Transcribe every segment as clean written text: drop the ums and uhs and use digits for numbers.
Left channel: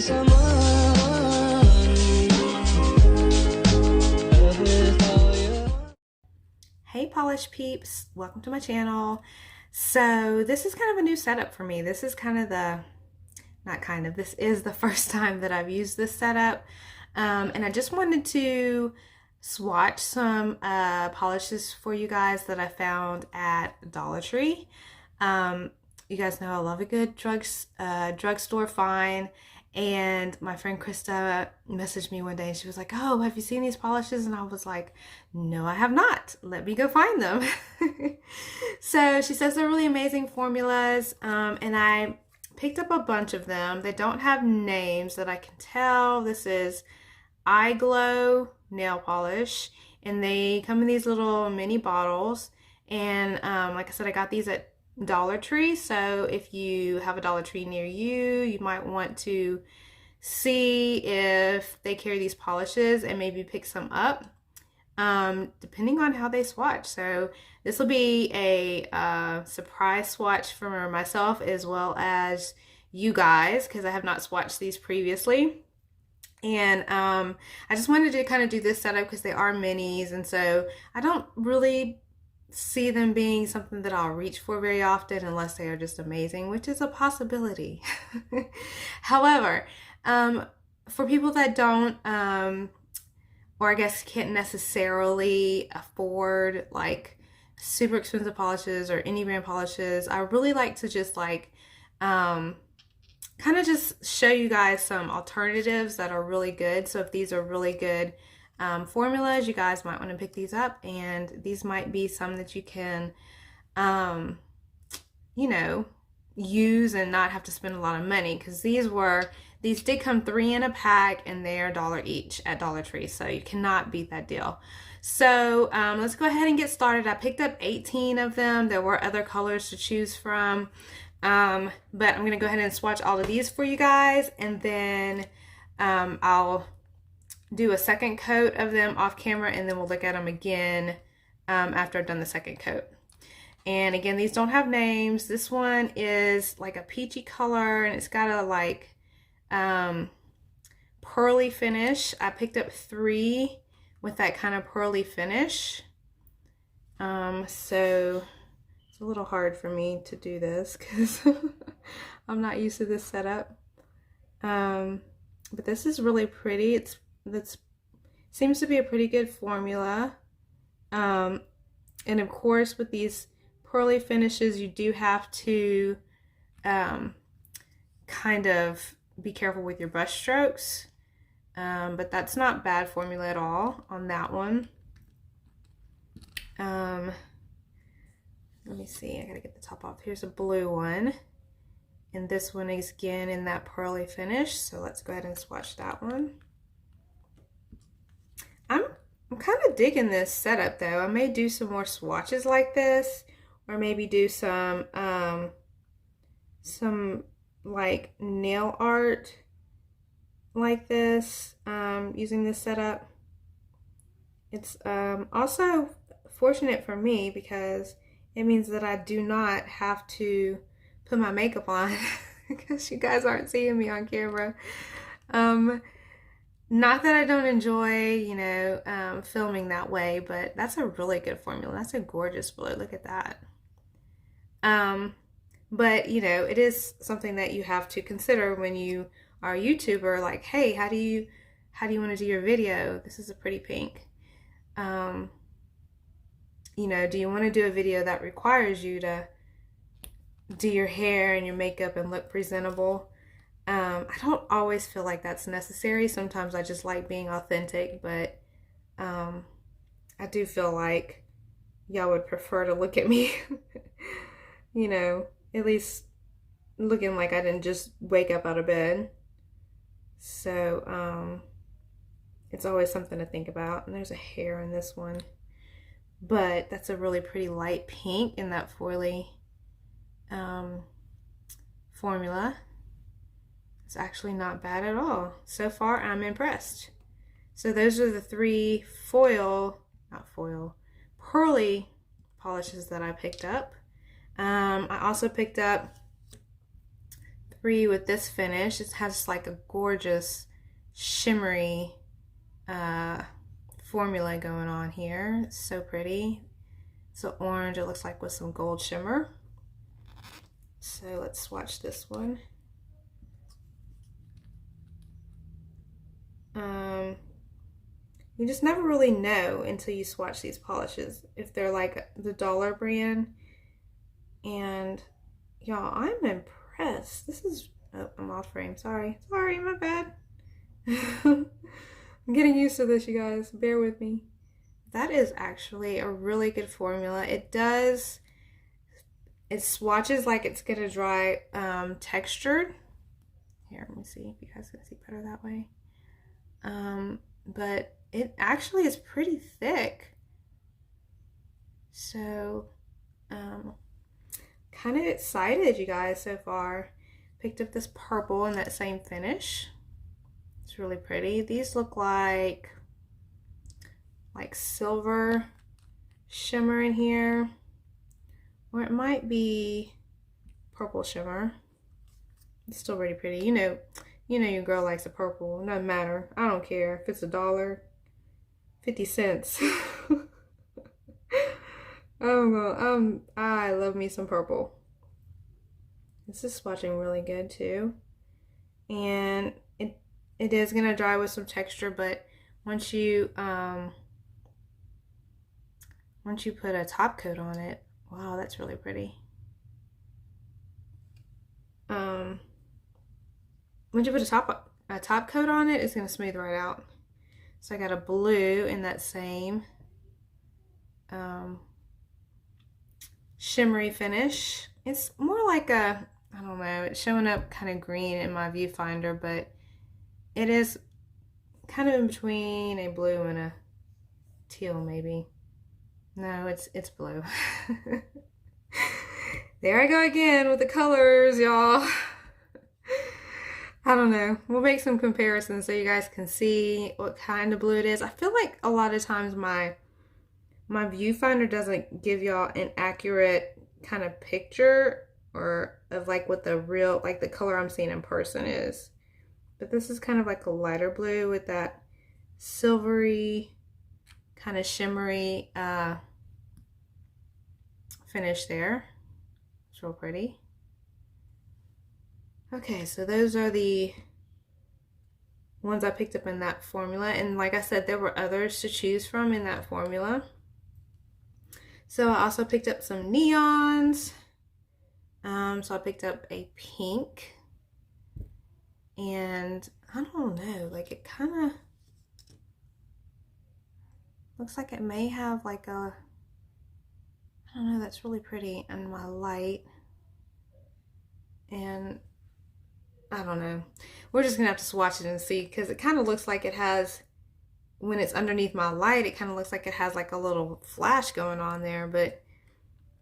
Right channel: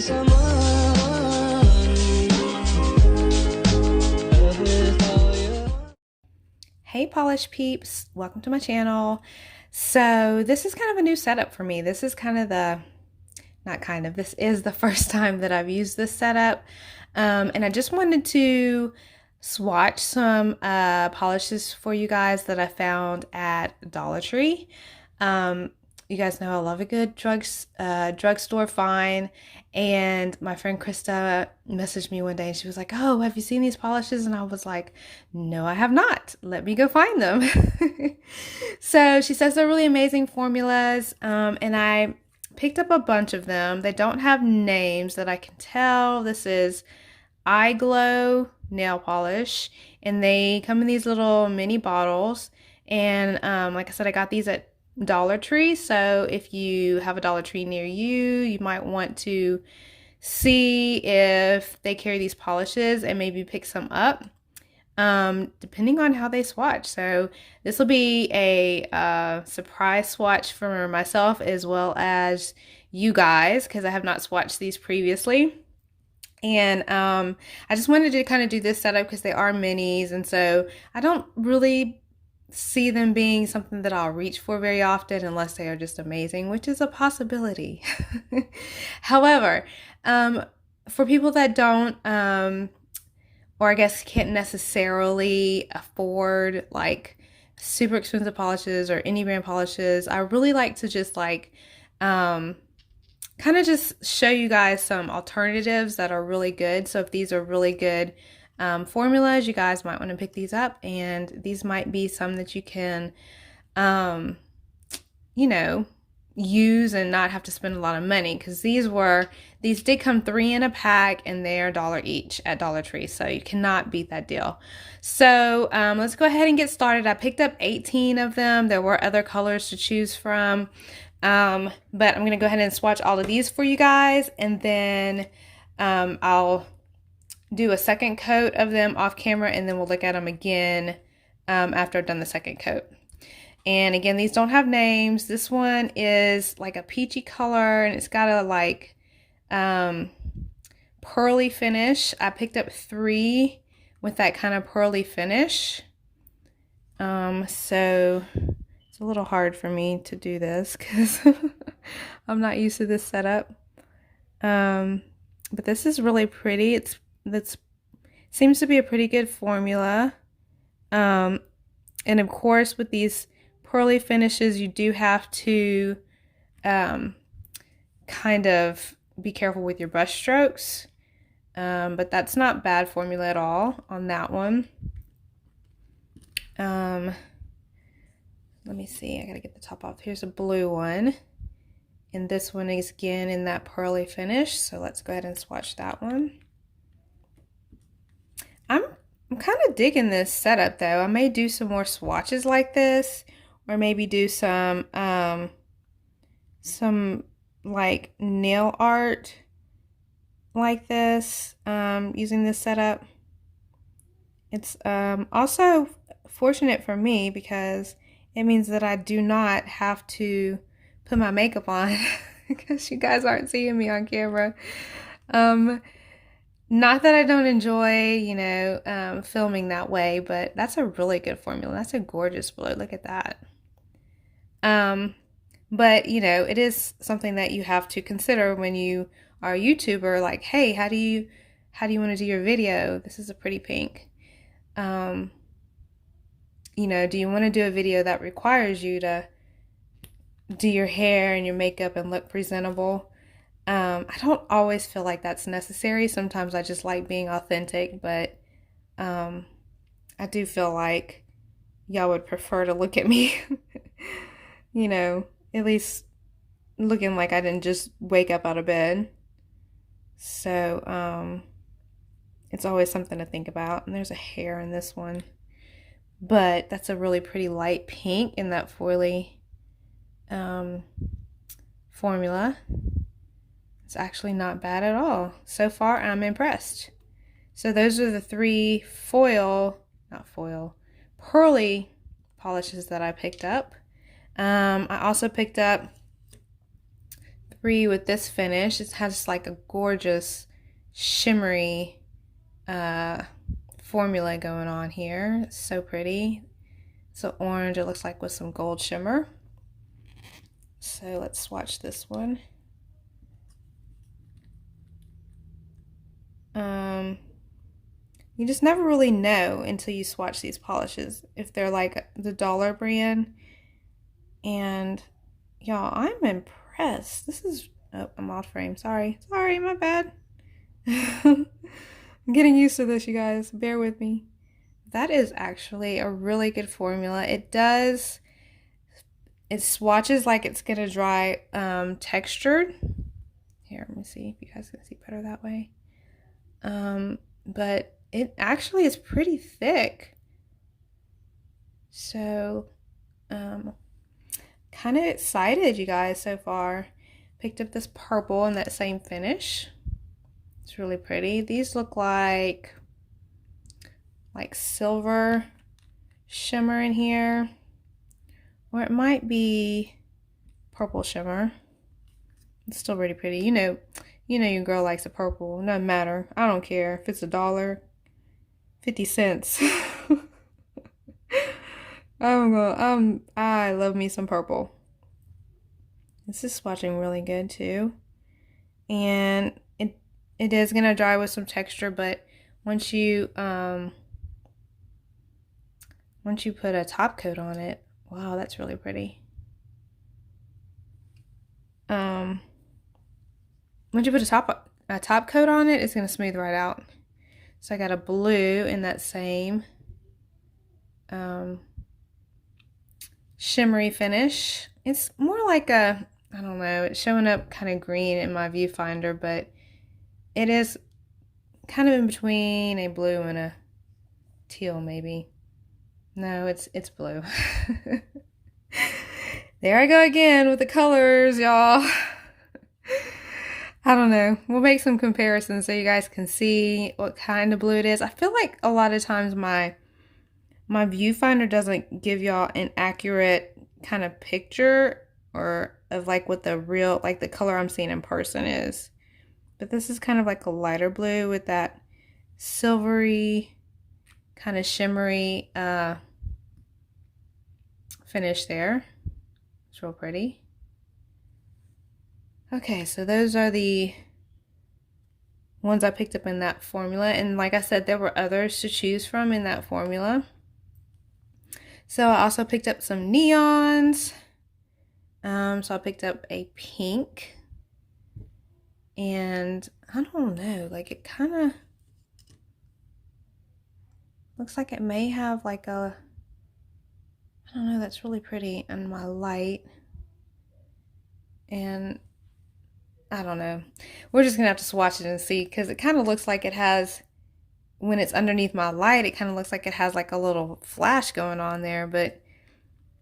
Hey polish peeps, welcome to my channel. So this is kind of a new setup for me. This is kind of this is the first time that I've used this setup. And I just wanted to swatch some polishes for you guys that I found at Dollar Tree. You guys know I love a good drugstore find. And my friend Krista messaged me one day and she was like, "Oh, have you seen these polishes?" And I was like, "No, I have not. Let me go find them." So she says they're really amazing formulas. And I picked up a bunch of them. They don't have names that I can tell. This is IGlow nail polish, and they come in these little mini bottles. And like I said, I got these at Dollar Tree, so if you have a Dollar Tree near you, you might want to see if they carry these polishes and maybe pick some up, depending on how they swatch. So this will be a surprise swatch for myself as well as you guys, because I have not swatched these previously. And I just wanted to kind of do this setup because they are minis, and so I don't really see them being something that I'll reach for very often unless they are just amazing, which is a possibility. However, for people that don't, or I guess can't necessarily afford like super expensive polishes or any brand polishes, I really like to just like kind of just show you guys some alternatives that are really good. So if these are really good formulas, you guys might want to pick these up, and these might be some that you can you know, use and not have to spend a lot of money, because these did come 3 in a pack and they're $1 each at Dollar Tree, so you cannot beat that deal. So let's go ahead and get started. I picked up 18 of them. There were other colors to choose from, but I'm gonna go ahead and swatch all of these for you guys, and then I'll do a second coat of them off camera, and then we'll look at them again after I've done the second coat. And again, these don't have names. This one is like a peachy color, and it's got a like pearly finish. I picked up 3 with that kind of pearly finish. So it's a little hard for me to do this because I'm not used to this setup. But this is really pretty. It seems to be a pretty good formula. And of course, with these pearly finishes, you do have to kind of be careful with your brush strokes. But that's not bad formula at all on that one. Let me see, I gotta get the top off. Here's a blue one, and this one is again in that pearly finish, so let's go ahead and swatch that one. I'm kind of digging this setup though. I may do some more swatches like this, or maybe do some like nail art like this using this setup. It's also fortunate for me because it means that I do not have to put my makeup on because you guys aren't seeing me on camera. Not that I don't enjoy, you know, filming that way, but that's a really good formula. That's a gorgeous blue. Look at that. But you know, it is something that you have to consider when you are a YouTuber. Like, hey, how do you want to do your video? This is a pretty pink. You know, do you want to do a video that requires you to do your hair and your makeup and look presentable? I don't always feel like that's necessary. Sometimes I just like being authentic, but I do feel like y'all would prefer to look at me, you know, at least looking like I didn't just wake up out of bed. So it's always something to think about. And there's a hair in this one, but that's a really pretty light pink in that foily formula. It's actually not bad at all. So far, I'm impressed. So those are the 3 pearly polishes that I picked up. I also picked up agree with this finish. It has like a gorgeous shimmery formula going on here. It's so pretty. So orange, it looks like, with some gold shimmer. So let's swatch this one. You just never really know until you swatch these polishes if they're like the dollar brand. And y'all, I'm impressed. This is, oh, I'm off frame. Sorry, my bad. I'm getting used to this, you guys. Bear with me. That is actually a really good formula. It swatches like it's gonna dry textured. Here, let me see if you guys can see better that way. But it actually is pretty thick. So, kind of excited, you guys, so far. Picked up this purple in that same finish. It's really pretty. These look like silver shimmer in here, or it might be purple shimmer. It's still really pretty. You know your girl likes the purple. It doesn't matter. I don't care if it's $1.50. I love me some purple. This is swatching really good too, and it is gonna dry with some texture, but once you put a top coat on it, wow, that's really pretty. Once you put a top coat on it, it's gonna smooth right out. So I got a blue in that same shimmery finish. It's more like a, I don't know, it's showing up kind of green in my viewfinder, but it is kind of in between a blue and a teal, maybe. No, it's blue. There I go again with the colors, y'all. I don't know. We'll make some comparisons so you guys can see what kind of blue it is. I feel like a lot of times my viewfinder doesn't give y'all an accurate kind of picture or of like what the real, like the color I'm seeing in person is. But this is kind of like a lighter blue with that silvery kind of shimmery finish there. It's real pretty. Okay, so those are the ones I picked up in that formula. And like I said, there were others to choose from in that formula. So I also picked up some neons. So I picked up a pink. And I don't know, like it kind of looks like it may have like a, I don't know, that's really pretty in my light. And I don't know. We're just gonna have to swatch it and see, because it kind of looks like it has, when it's underneath my light, it kind of looks like it has like a little flash going on there, but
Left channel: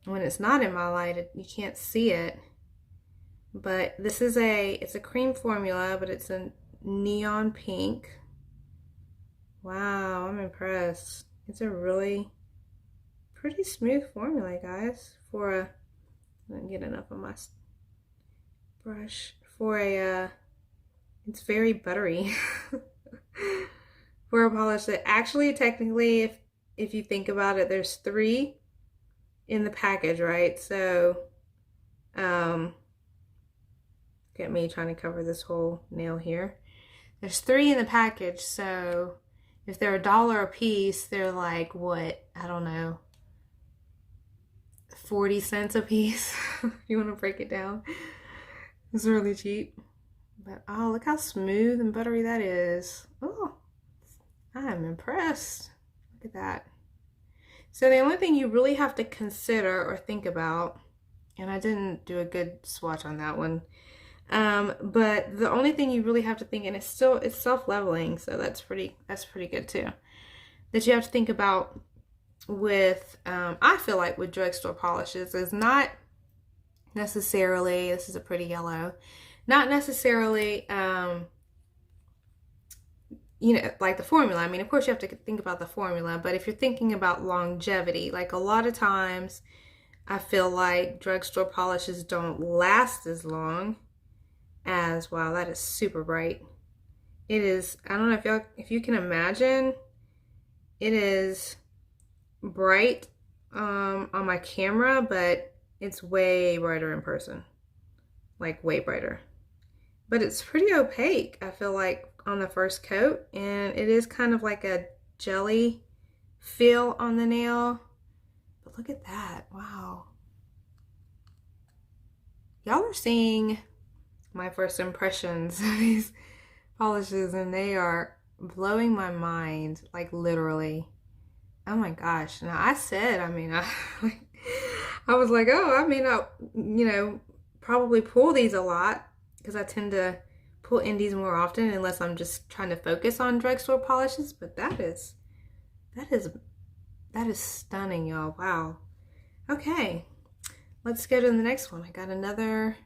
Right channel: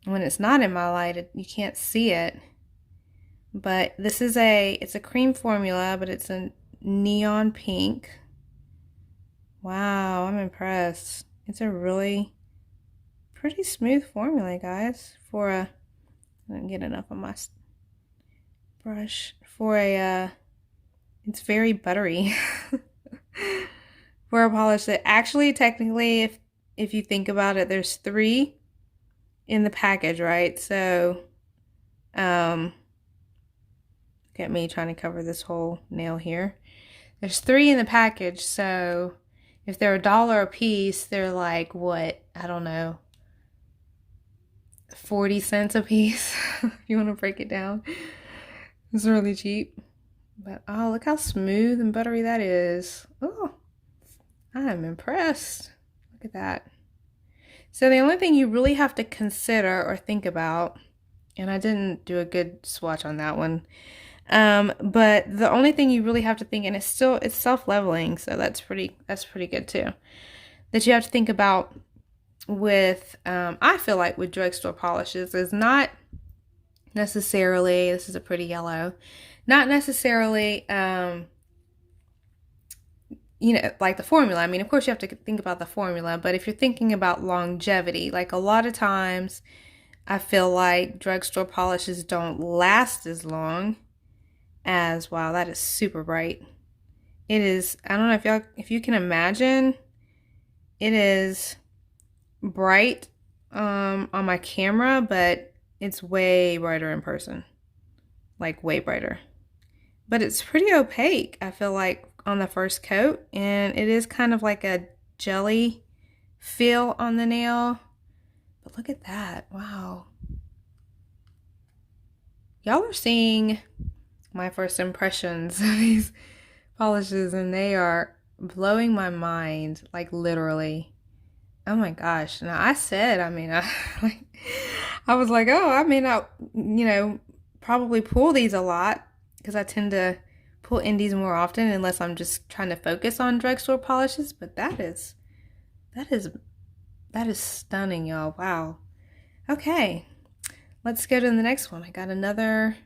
when it's not in my light, you can't see it. But this is it's a cream formula, but it's a neon pink. Wow, I'm impressed. It's a really pretty smooth formula, guys, for a, I didn't get enough on my brush. For a, it's very buttery. For a polish that actually, technically, if you think about it, there's 3 in the package, right? So, get me trying to cover this whole nail here. There's 3 in the package, so if they're $1 a piece, they're like, what? I don't know, 40 cents a piece. If you want to break it down. It's really cheap. But oh, look how smooth and buttery that is. Oh, I am impressed. Look at that. So the only thing you really have to consider or think about, and I didn't do a good swatch on that one, but the only thing you really have to think, and it's self-leveling, so that's pretty good too, that you have to think about with, I feel like with drugstore polishes, is not necessarily, this is a pretty yellow, not necessarily, you know, like the formula. I mean, of course you have to think about the formula, but if you're thinking about longevity, like a lot of times I feel like drugstore polishes don't last as long as, wow, that is super bright. It is, I don't know if you can imagine, it is bright on my camera, but it's way brighter in person, like way brighter. But it's pretty opaque, I feel like, on the first coat, and it is kind of like a jelly feel on the nail. But look at that, wow. Y'all are seeing my first impressions of these polishes, and they are blowing my mind, like literally. Oh my gosh. Now I said, I mean, I was like, oh, I may not, probably pull these a lot because I tend to pull indies more often unless I'm just trying to focus on drugstore polishes. But that is stunning, y'all. Wow. Okay, let's go to the next one. I got another.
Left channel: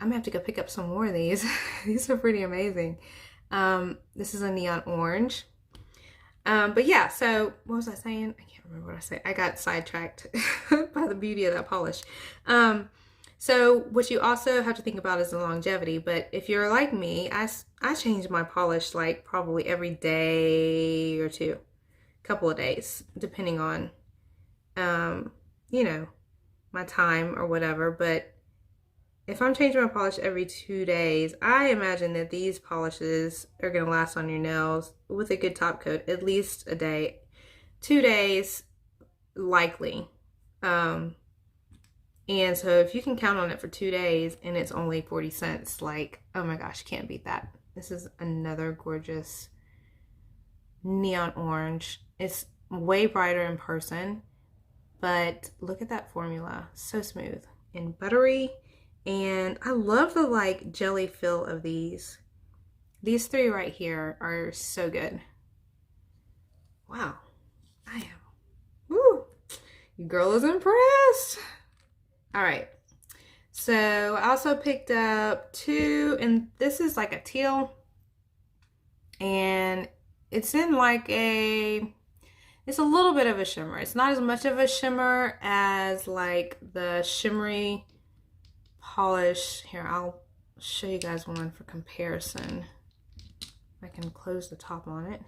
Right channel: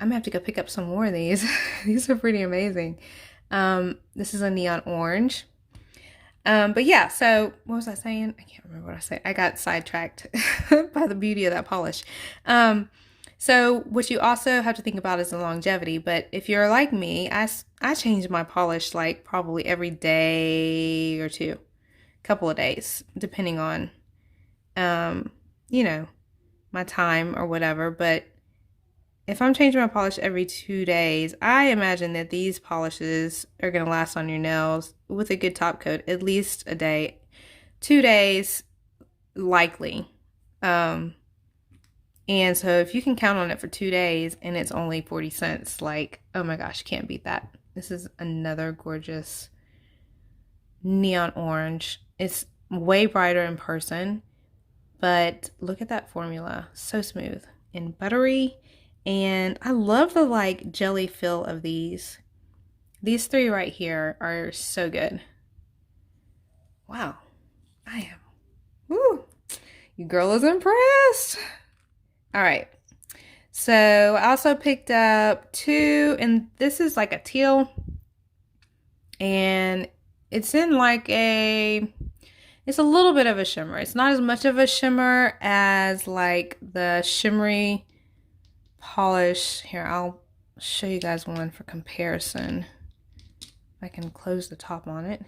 I'm gonna have to go pick up some more of these. These are pretty amazing. This is a neon orange. But yeah, so what was I saying? I can't remember what I said. I got sidetracked by the beauty of that polish. So what you also have to think about is the longevity. But if you're like me, I change my polish like probably every day or two, couple of days, depending on, my time or whatever. But if I'm changing my polish every 2 days, I imagine that these polishes are going to last on your nails with a good top coat at least a day. 2 days, likely. And so if you can count on it for 2 days and it's only 40 cents, like, oh my gosh, you can't beat that. This is another gorgeous neon orange. It's way brighter in person, but look at that formula. So smooth and buttery. And I love the like jelly feel of these. These three right here are so good. Wow. I am. Woo. Your girl is impressed. All right. So I also picked up two, and this is like a teal. And it's in like it's a little bit of a shimmer. It's not as much of a shimmer as like the shimmery polish. Here, I'll show you guys one for comparison. I can close the top on it.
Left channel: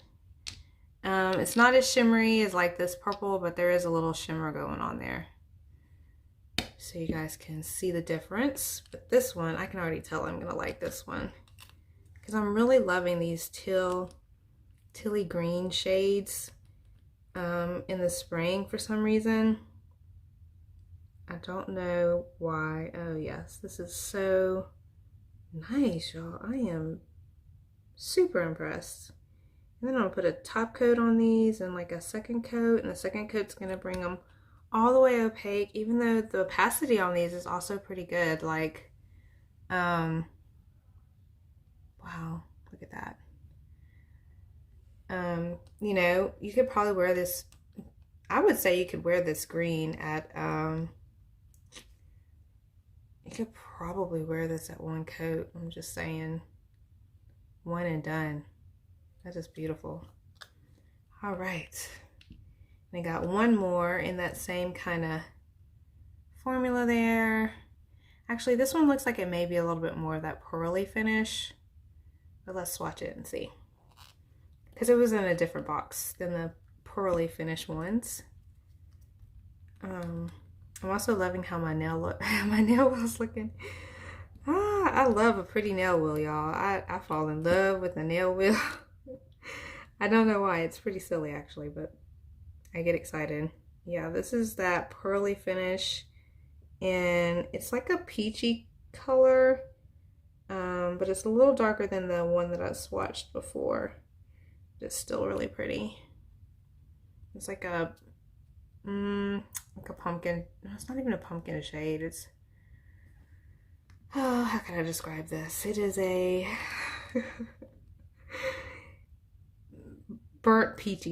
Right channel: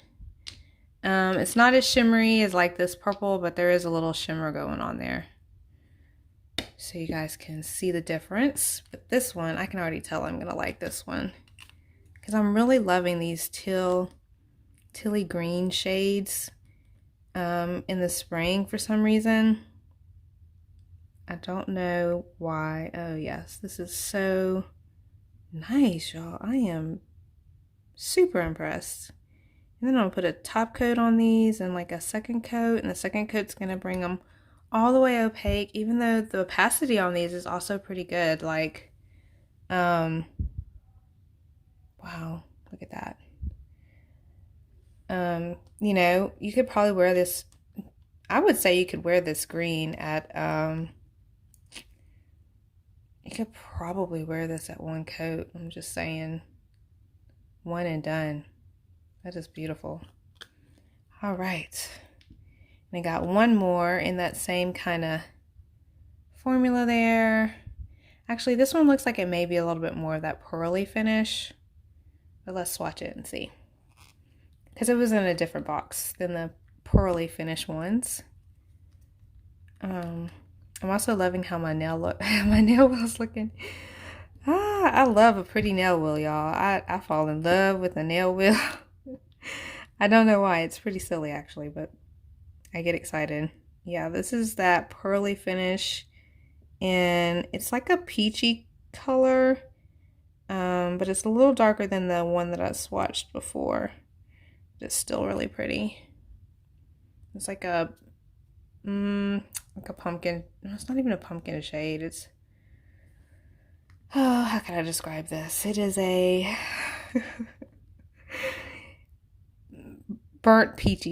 It's not as shimmery as like this purple, but there is a little shimmer going on there, so you guys can see the difference. But this one, I can already tell I'm gonna like this one because I'm really loving these tealy green shades in the spring for some reason. I don't know why. Oh yes, this is so nice, y'all. I am super impressed. And then I'm gonna put a top coat on these and like a second coat, and the second coat's gonna bring them all the way opaque, even though the opacity on these is also pretty good. Like, wow, look at that. You could probably wear this, I would say you could wear this green at, you could probably wear this at one coat. I'm just saying, one and done. That is beautiful. All right. And I got one more in that same kind of formula there. Actually, this one looks like it may be a little bit more of that pearly finish. But let's swatch it and see. Because it was in a different box than the pearly finish ones. I'm also loving how my nail wheel's looking. I love a pretty nail wheel, y'all. I fall in love with a nail wheel. I don't know why. It's pretty silly actually, but I get excited. Yeah, this is that pearly finish, and it's like a peachy color, but it's a little darker than the one that I swatched before. It's still really pretty. It's like a pumpkin. No, it's not even a pumpkin shade. It's, oh, how can I describe this? It is a burnt peach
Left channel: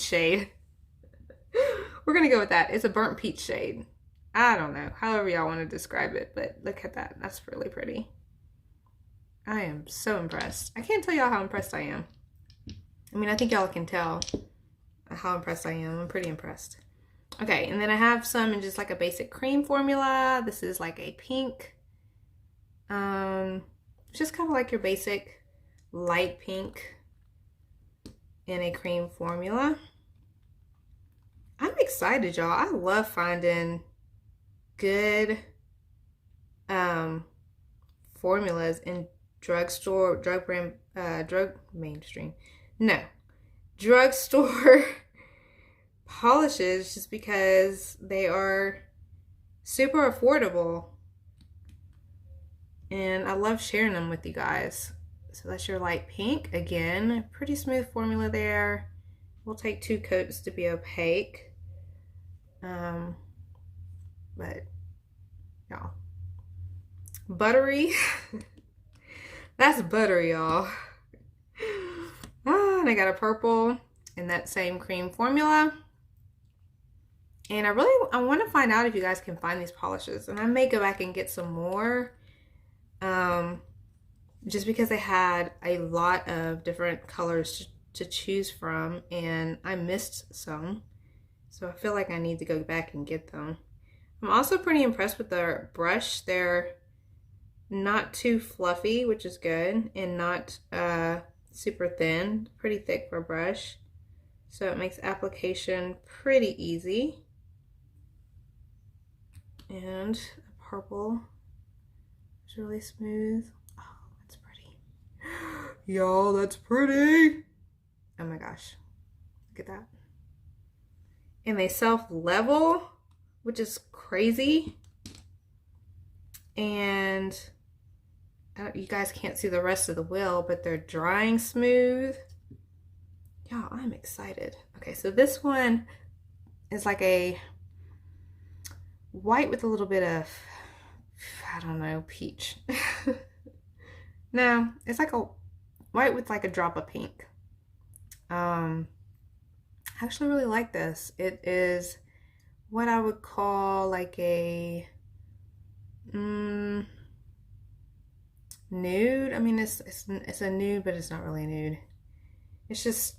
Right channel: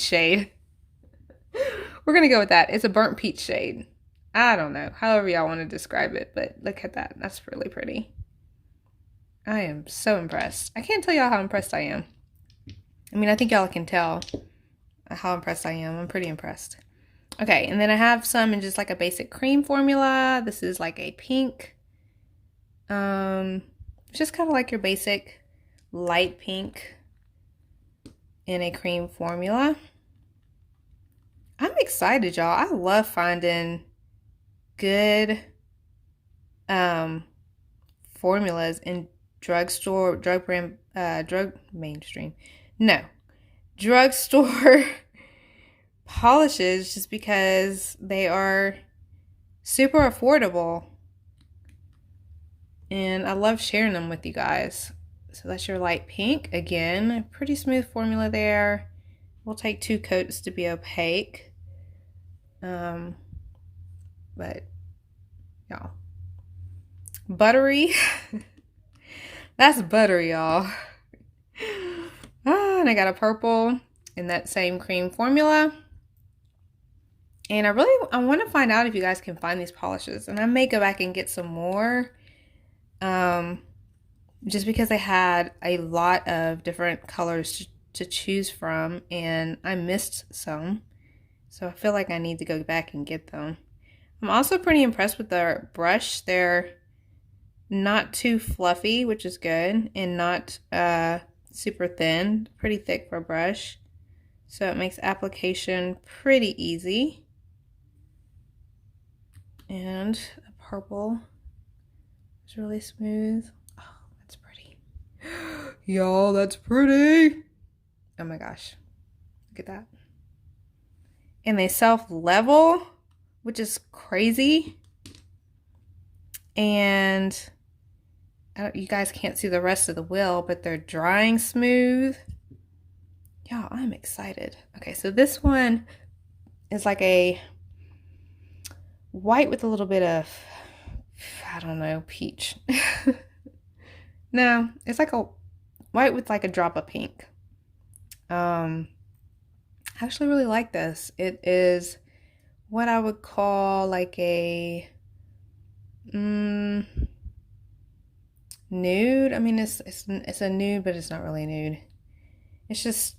shade. We're gonna go with that. It's a burnt peach shade. I don't know, however y'all want to describe it, but look at that. That's really pretty. I am so impressed. I can't tell y'all how impressed I am. I mean, I think y'all can tell how impressed I am. I'm pretty impressed. Okay, and then I have some in just like a basic cream formula. This is like a pink. It's just kind of like your basic light pink in a cream formula. I'm excited, y'all. I love finding good formulas in drugstore, drugstore polishes, just because they are super affordable. And I love sharing them with you guys. So that's your light pink. Again, pretty smooth formula there. We'll take 2 coats to be opaque. But y'all, buttery. That's buttery, y'all. And I got a purple in that same cream formula. And I want to find out if you guys can find these polishes. And I may go back and get some more. Just because I had a lot of different colors to choose from, and I missed some. So I feel like I need to go back and get them. I'm also pretty impressed with their brush. They're not too fluffy, which is good, and not super thin, pretty thick for a brush. So it makes application pretty easy. And the purple is really smooth. Oh, that's pretty. Y'all, that's pretty. Oh my gosh. Look at that. And they self-level, which is crazy. And you guys can't see the rest of the wheel, but they're drying smooth. Y'all, I'm excited. Okay, so this one is like a white with a little bit of, I don't know, peach. No, it's like a white with like a drop of pink. I actually really like this. It is what I would call like a nude. I mean, it's a nude, but it's not really nude. It's just,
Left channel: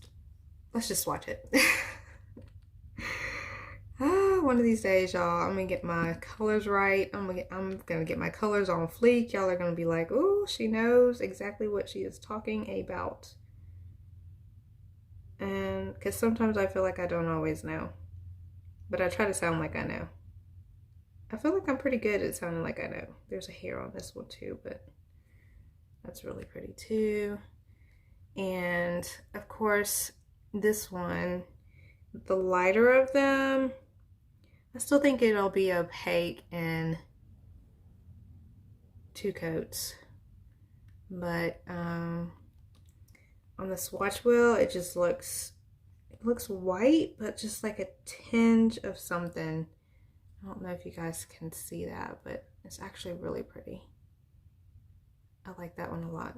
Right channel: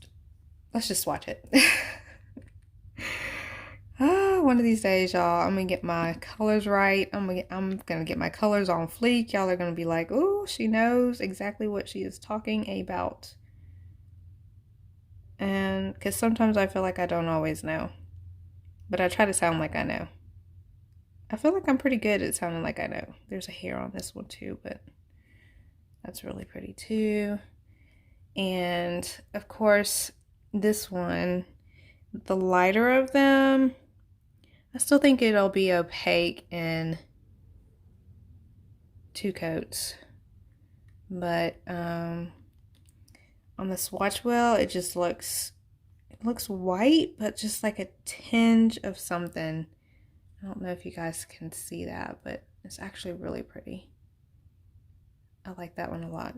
let's just swatch it. One of these days, y'all, I'm gonna get my colors right. I'm gonna get my colors on fleek. Y'all are gonna be like, "Ooh, she knows exactly what she is talking about." And because sometimes I feel like I don't always know, but I try to sound like I know. I feel like I'm pretty good at sounding like I know. There's a hair on this one too, but that's really pretty too. And of course, this one, the lighter of them, I still think it'll be opaque in 2 coats. But on the swatch wheel, it just looks white, but just like a tinge of something. I don't know if you guys can see that, but it's actually really pretty. I like that one a lot.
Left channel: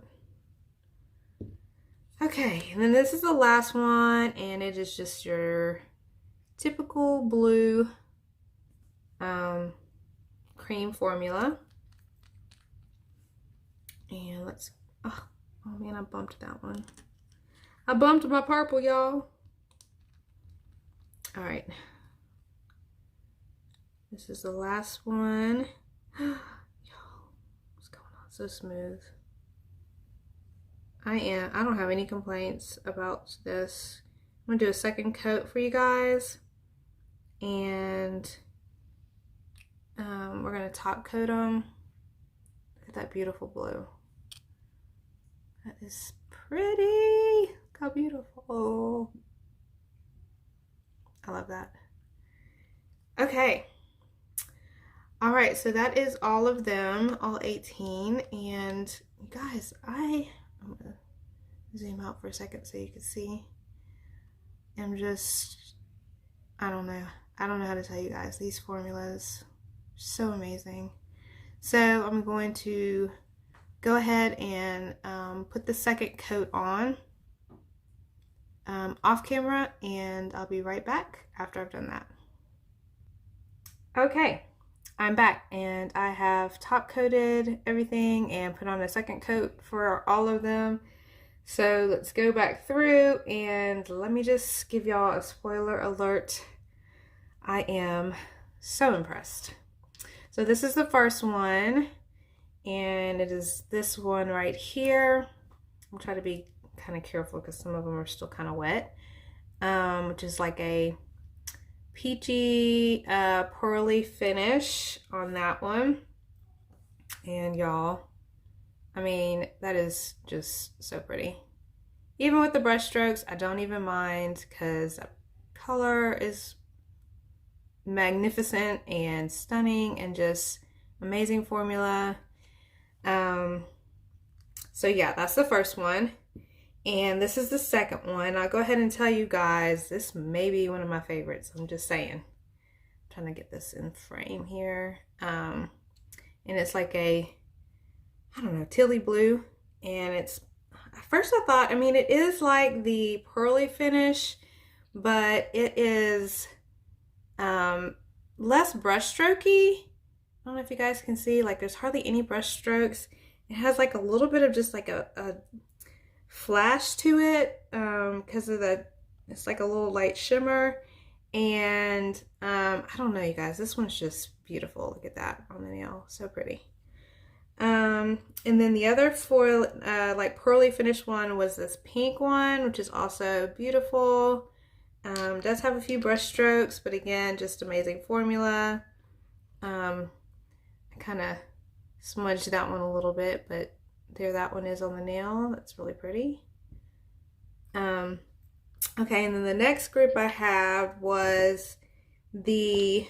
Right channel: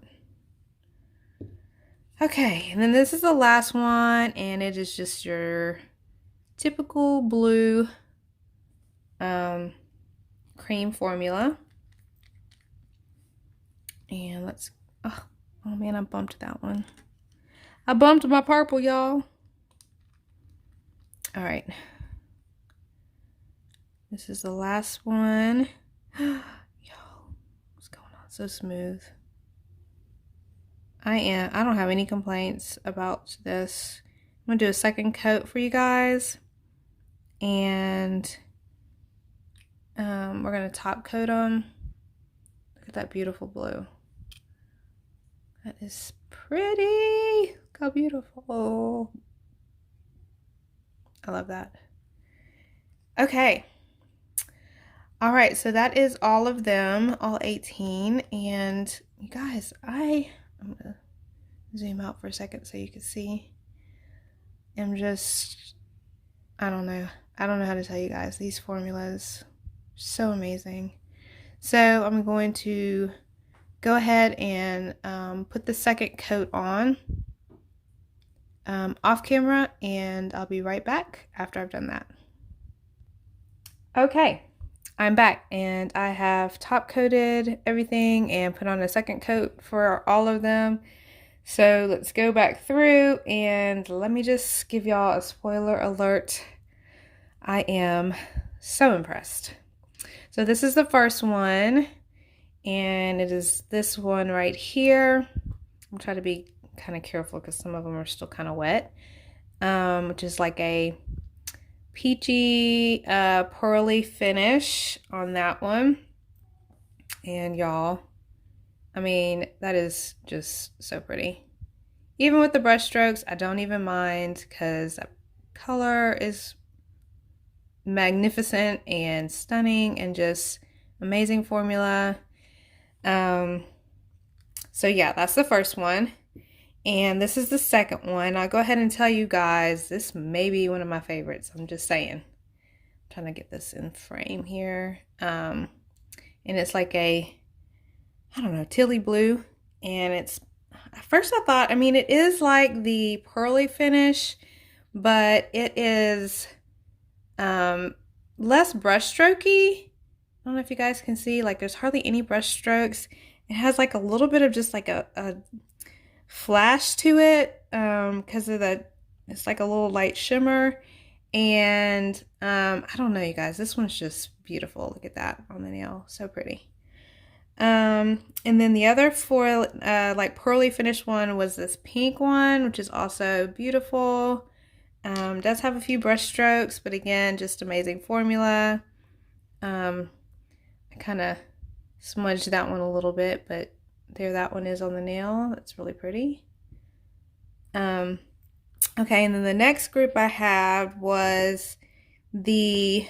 Okay, and then this is the last one, and it is just your typical blue cream formula. And let's, oh man, I bumped that one. I bumped my purple, y'all. All right. This is the last one. Yo, what's going on? So smooth. I don't have any complaints about this. I'm gonna do a second coat for you guys. And we're gonna top coat them. Look at that beautiful blue. That is pretty. Look how beautiful. I love that. Okay. All right, so that is all of them, all 18. And you guys, I'm gonna zoom out for a second so you can see. I'm just, I don't know how to tell you guys. These formulas are so amazing. So I'm going to go ahead and put the second coat on off camera, and I'll be right back after I've done that. Okay, I'm back, and I have top coated everything and put on a second coat for all of them. So let's go back through, and let me just give y'all a spoiler alert. I am so impressed. So this is the first one, and it is this one right here. I'm trying to be kind of careful because some of them are still kind of wet, which is like a peachy pearly finish on that one. And y'all, I mean, that is just so pretty. Even with the brush strokes, I don't even mind because the color is magnificent and stunning and just amazing formula. So yeah, that's the first one. And this is the second one. I'll go ahead and tell you guys, this may be one of my favorites. I'm just saying. I'm trying to get this in frame here. And it's like a, I don't know, tealy blue. And it's, at first I thought, I mean, it is like the pearly finish, but it is less brush strokey. I don't know if you guys can see, like there's hardly any brush strokes. It has like a little bit of just like a flash to it because of the, it's like a little light shimmer. And I don't know, you guys, this one's just beautiful. Look at that on the nail, so pretty. And then the other four like pearly finish one was this pink one, which is also beautiful. Does have a few brush strokes, but again, just amazing formula. I kind of smudged that one a little bit, but there that one is on the nail. That's really pretty. Okay, and then the next group I had was the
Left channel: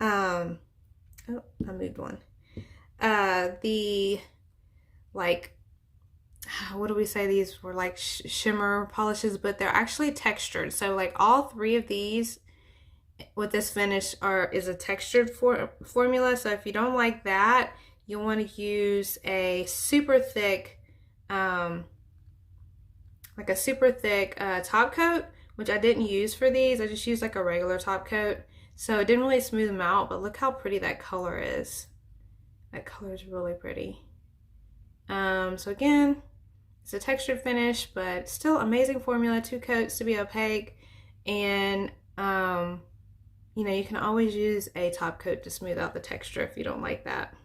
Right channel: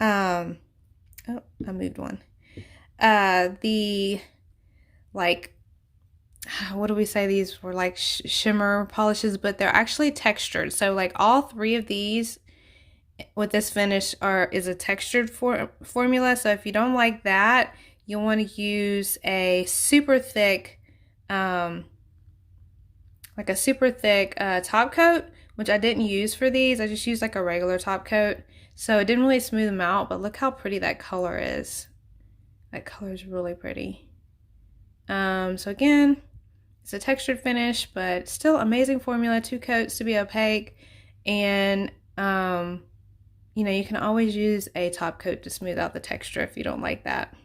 oh, I moved one. The like, what do we say, these were like shimmer polishes, but they're actually textured. So like all three of these with this finish is a textured formula. So if you don't like that, you'll want to use a super thick like a super thick top coat, which I didn't use for these. I just used like a regular top coat, so it didn't really smooth them out, but look how pretty that color is. That color is really pretty. So again, it's a textured finish, but still amazing formula. 2 coats to be opaque, and you know, you can always use a top coat to smooth out the texture if you don't like that.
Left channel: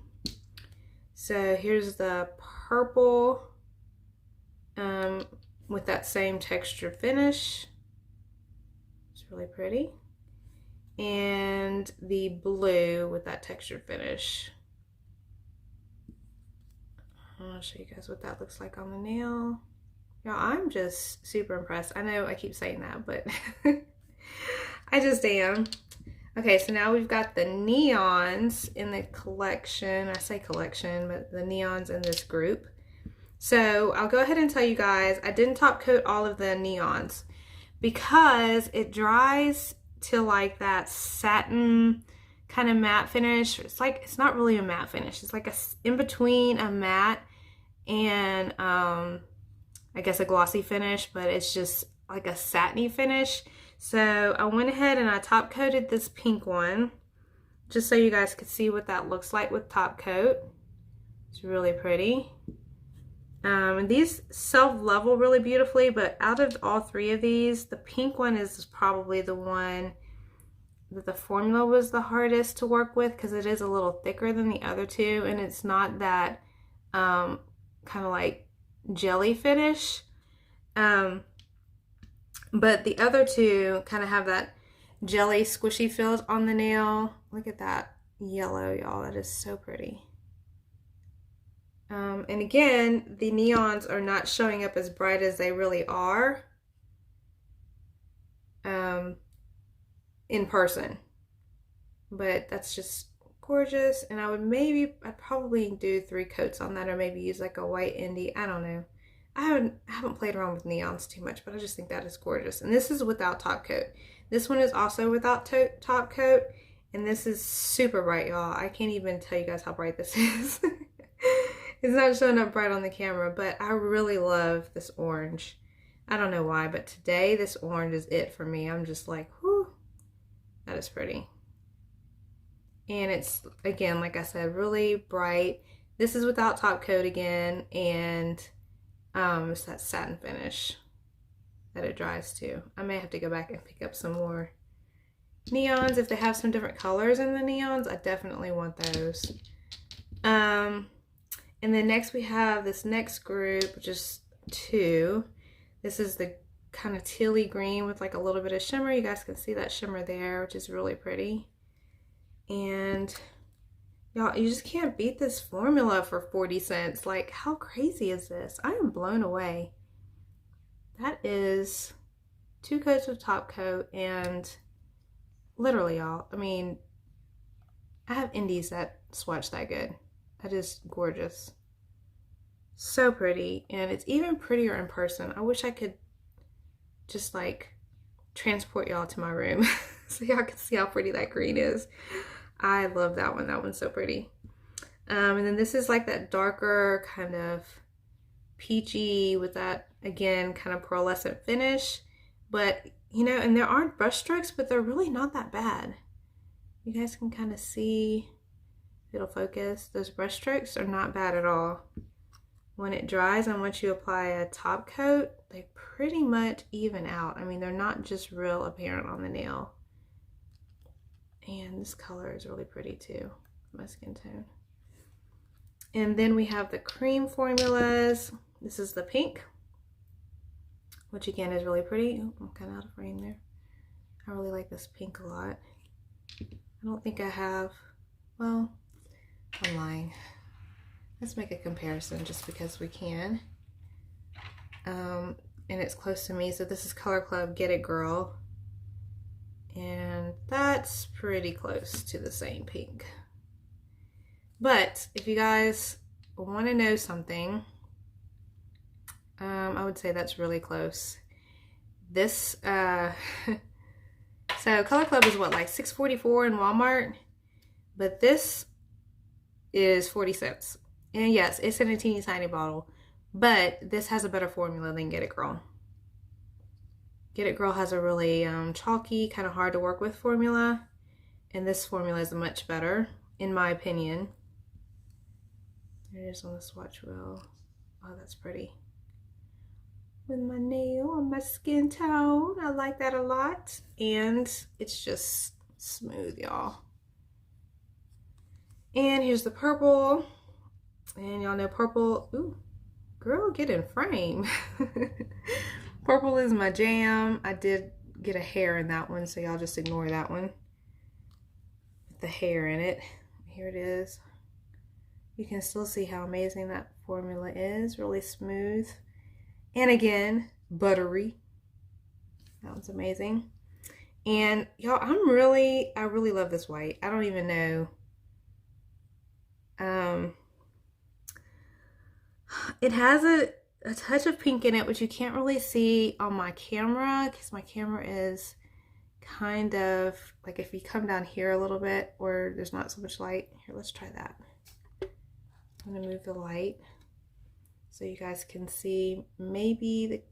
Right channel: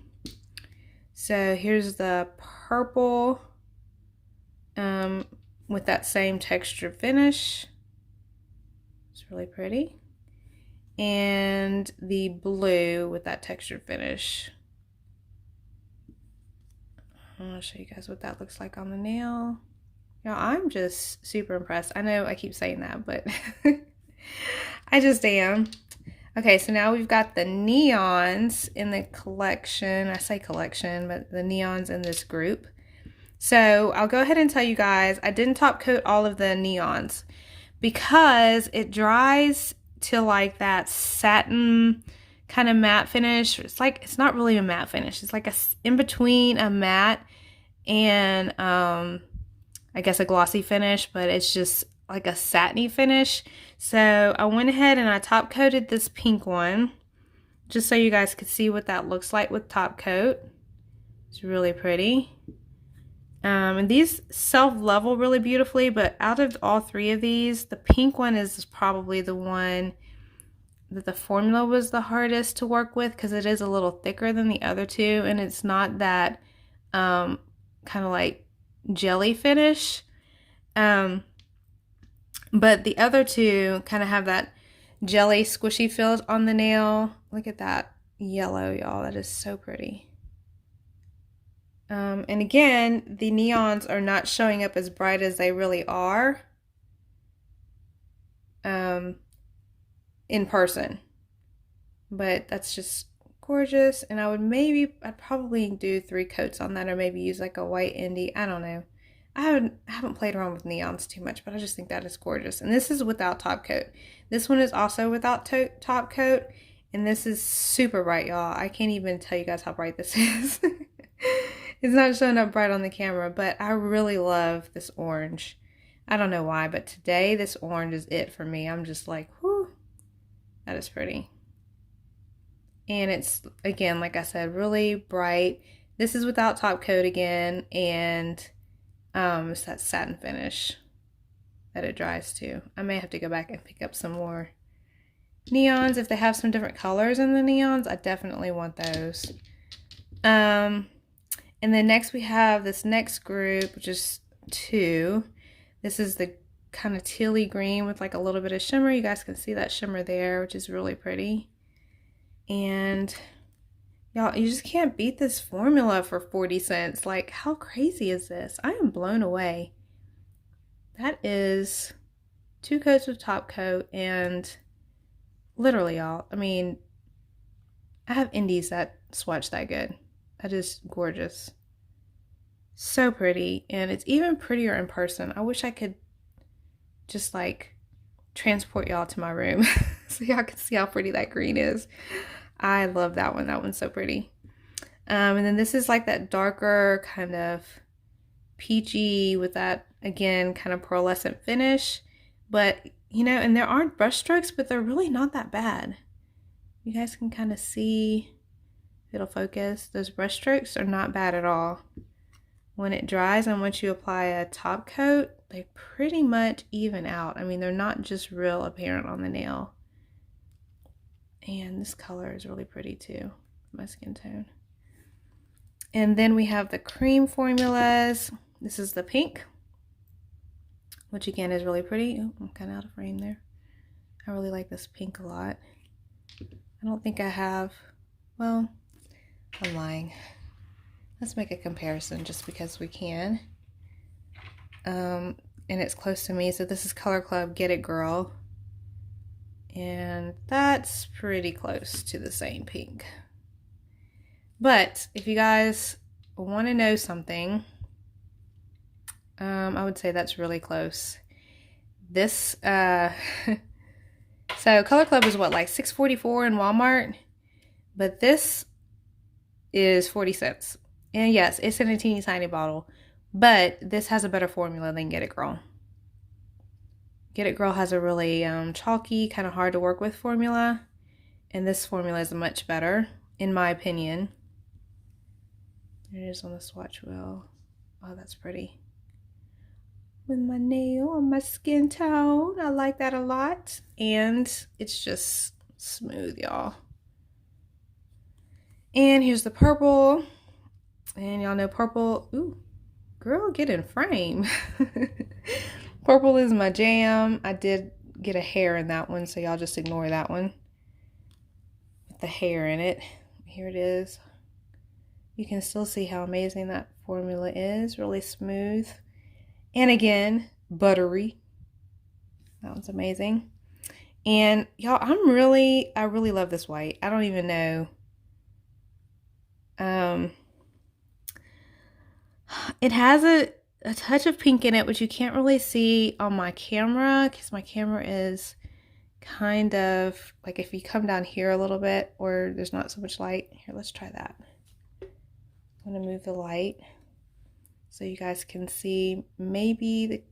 So here's the purple with that same textured finish. It's really pretty. And the blue with that textured finish. I'm gonna show you guys what that looks like on the nail. Y'all, I'm just super impressed. I know I keep saying that, but I just am. Okay, so now we've got the neons in the collection. I say collection, but the neons in this group. So I'll go ahead and tell you guys, I didn't top coat all of the neons because it dries to like that satin kind of matte finish. It's like, it's not really a matte finish. It's like a in between a matte and I guess a glossy finish, but it's just like a satiny finish. So I went ahead and I top coated this pink one just so you guys could see what that looks like with top coat. It's really pretty. And these self-level really beautifully, but out of all three of these, the pink one is probably the one that the formula was the hardest to work with because it is a little thicker than the other two, and it's not that kind of like jelly finish. But the other two kind of have that jelly squishy feel on the nail. Look at that yellow, y'all. That is so pretty. And again, the neons are not showing up as bright as they really are in person. But that's just gorgeous. And I'd probably do 3 coats on that, or maybe use like a white indie. I don't know. I haven't played around with neons too much, but I just think that is gorgeous. And this is without top coat. This one is also without top coat, and this is super bright, y'all. I can't even tell you guys how bright this is. It's not showing up bright on the camera, but I really love this orange. I don't know why, but today this orange is it for me. I'm just like, whoo, that is pretty. And it's, again, like I said, really bright. This is without top coat again, and it's that satin finish that it dries to. I may have to go back and pick up some more neons. If they have some different colors in the neons, I definitely want those. And then next we have this next group, which is 2. This is the kind of tealy green with like a little bit of shimmer. You guys can see that shimmer there, which is really pretty. And y'all, you just can't beat this formula for 40 cents. Like, how crazy is this? I am blown away. That is 2 coats of top coat, and literally, y'all, I mean, I have indies that swatch that good. That is gorgeous. So pretty, and it's even prettier in person. I wish I could just like transport y'all to my room so y'all can see how pretty that green is. I love that one. That one's so pretty. And then this is like that darker kind of peachy with that, again, kind of pearlescent finish. But, you know, and there aren't brush strokes, but they're really not that bad. You guys can kind of see, it'll focus. Those brush strokes are not bad at all. When it dries and once you apply a top coat, they pretty much even out. I mean, they're not just real apparent on the nail. And this color is really pretty too, my skin tone. And then we have the cream formulas. This is the pink, which again is really pretty. Oh, I'm kind of out of frame there. I really like this pink a lot. I don't think I have, well, I'm lying. Let's make a comparison just because we can. And it's close to me. So this is Color Club Get It Girl. And that's pretty close to the same pink. But if you guys want to know something, I would say that's really close. This, so Color Club is what, like $6.44 in Walmart? But this is 40 cents. And yes, it's in a teeny tiny bottle, but this has a better formula than Get It Girl. Get It Girl has a really chalky, kind of hard to work with formula, and this formula is much better, in my opinion. There it is on the swatch wheel. Oh, that's pretty. With my nail on my skin tone, I like that a lot, and it's just smooth, y'all. And here's the purple. And y'all know purple, ooh, girl, get in frame. Purple is my jam. I did get a hair in that one, so y'all just ignore that one. With the hair in it. Here it is. You can still see how amazing that formula is. Really smooth. And again, buttery. That one's amazing. And y'all, I really love this white. I don't even know. It has a touch of pink in it, which you can't really see on my camera because my camera is kind of like, if you come down here a little bit or there's not so much light. Here, let's try that. I'm going to move the light so you guys can see maybe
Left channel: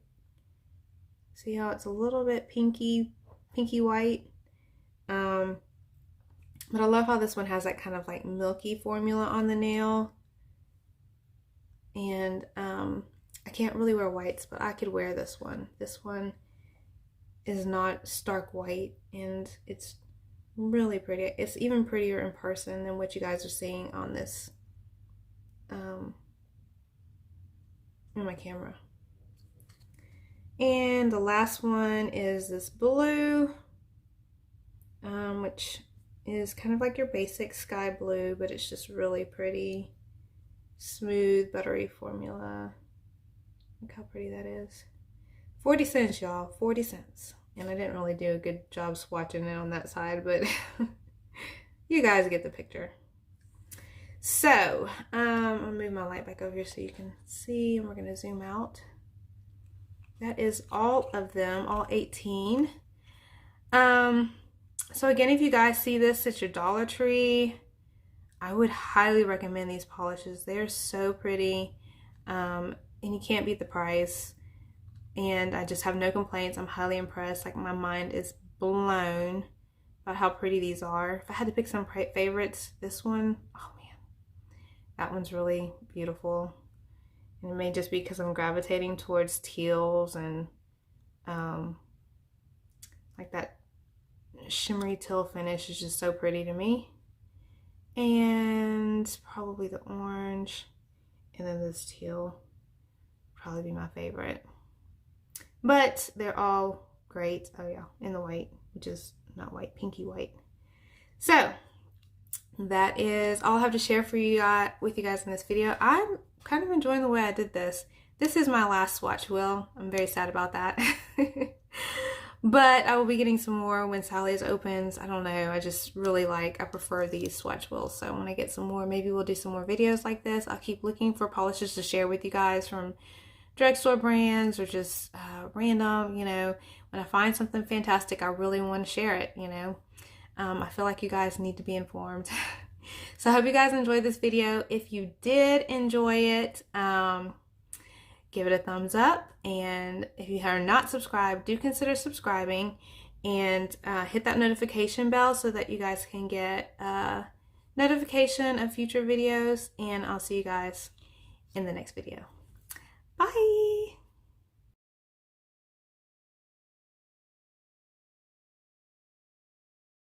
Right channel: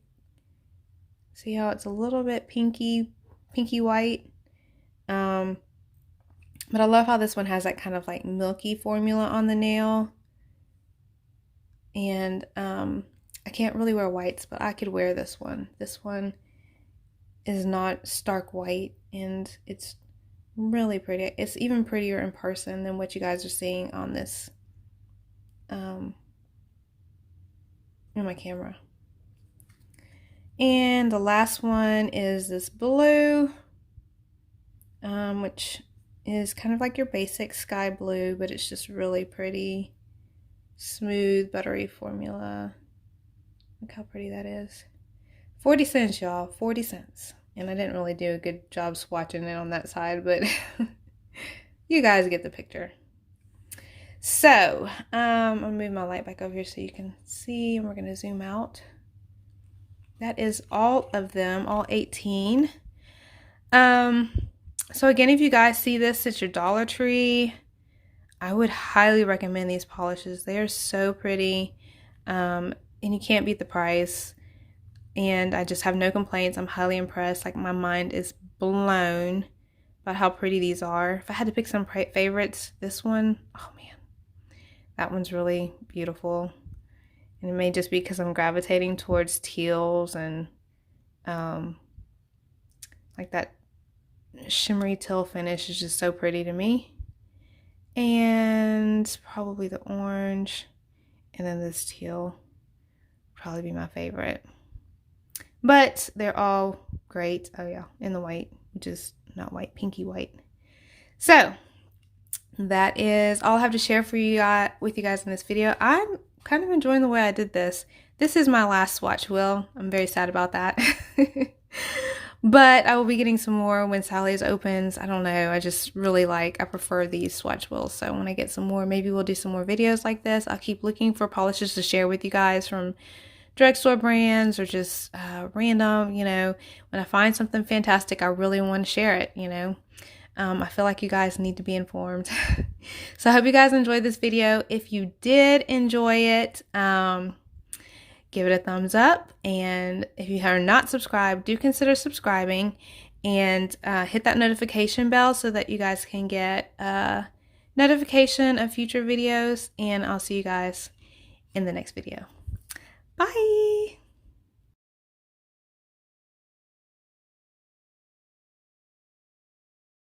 see how it's a little bit pinky white. But I love how this one has that kind of like milky formula on the nail. And I can't really wear whites, but I could wear this one. This one is not stark white, and it's really pretty. It's even prettier in person than what you guys are seeing on this in my camera. And the last one is this blue, which is kind of like your basic sky blue, but it's just really pretty. Smooth, buttery formula. Look how pretty that is. 40 cents, y'all. 40 cents. And I didn't really do a good job swatching it on that side, but you guys get the picture. So, I'll move my light back over here so you can see, and we're going to zoom out. That is all of them, all 18. So again, if you guys see this at your Dollar Tree, I would highly recommend these polishes. They are so pretty, and you can't beat the price. And I just have no complaints. I'm highly impressed. Like, my mind is blown about how pretty these are. If I had to pick some favorites, this one, oh man, that one's really beautiful. And it may just be because I'm gravitating towards teals and like that shimmery teal finish is just so pretty to me. and probably the orange, and then this teal probably be my favorite. But they're all great. Oh yeah, and the white, which is not white, pinky white. So that is all I have to share for you with you guys in this video. I'm kind of enjoying the way I did this. This is my last swatch wheel. I'm very sad about that. But I will be getting some more when Sally's opens. I don't know. I just really I prefer these swatch wheels. So when I get some more, maybe we'll do some more videos like this. I'll keep looking for polishes to share with you guys from drugstore brands or just random, you know. When I find something fantastic, I really want to share it, you know. I feel like you guys need to be informed. So I hope you guys enjoyed this video. If you did enjoy it, give it a thumbs up. And if you are not subscribed, do consider subscribing and hit that notification bell so that you guys can get a notification of future videos. And I'll see you guys in the next video. Bye.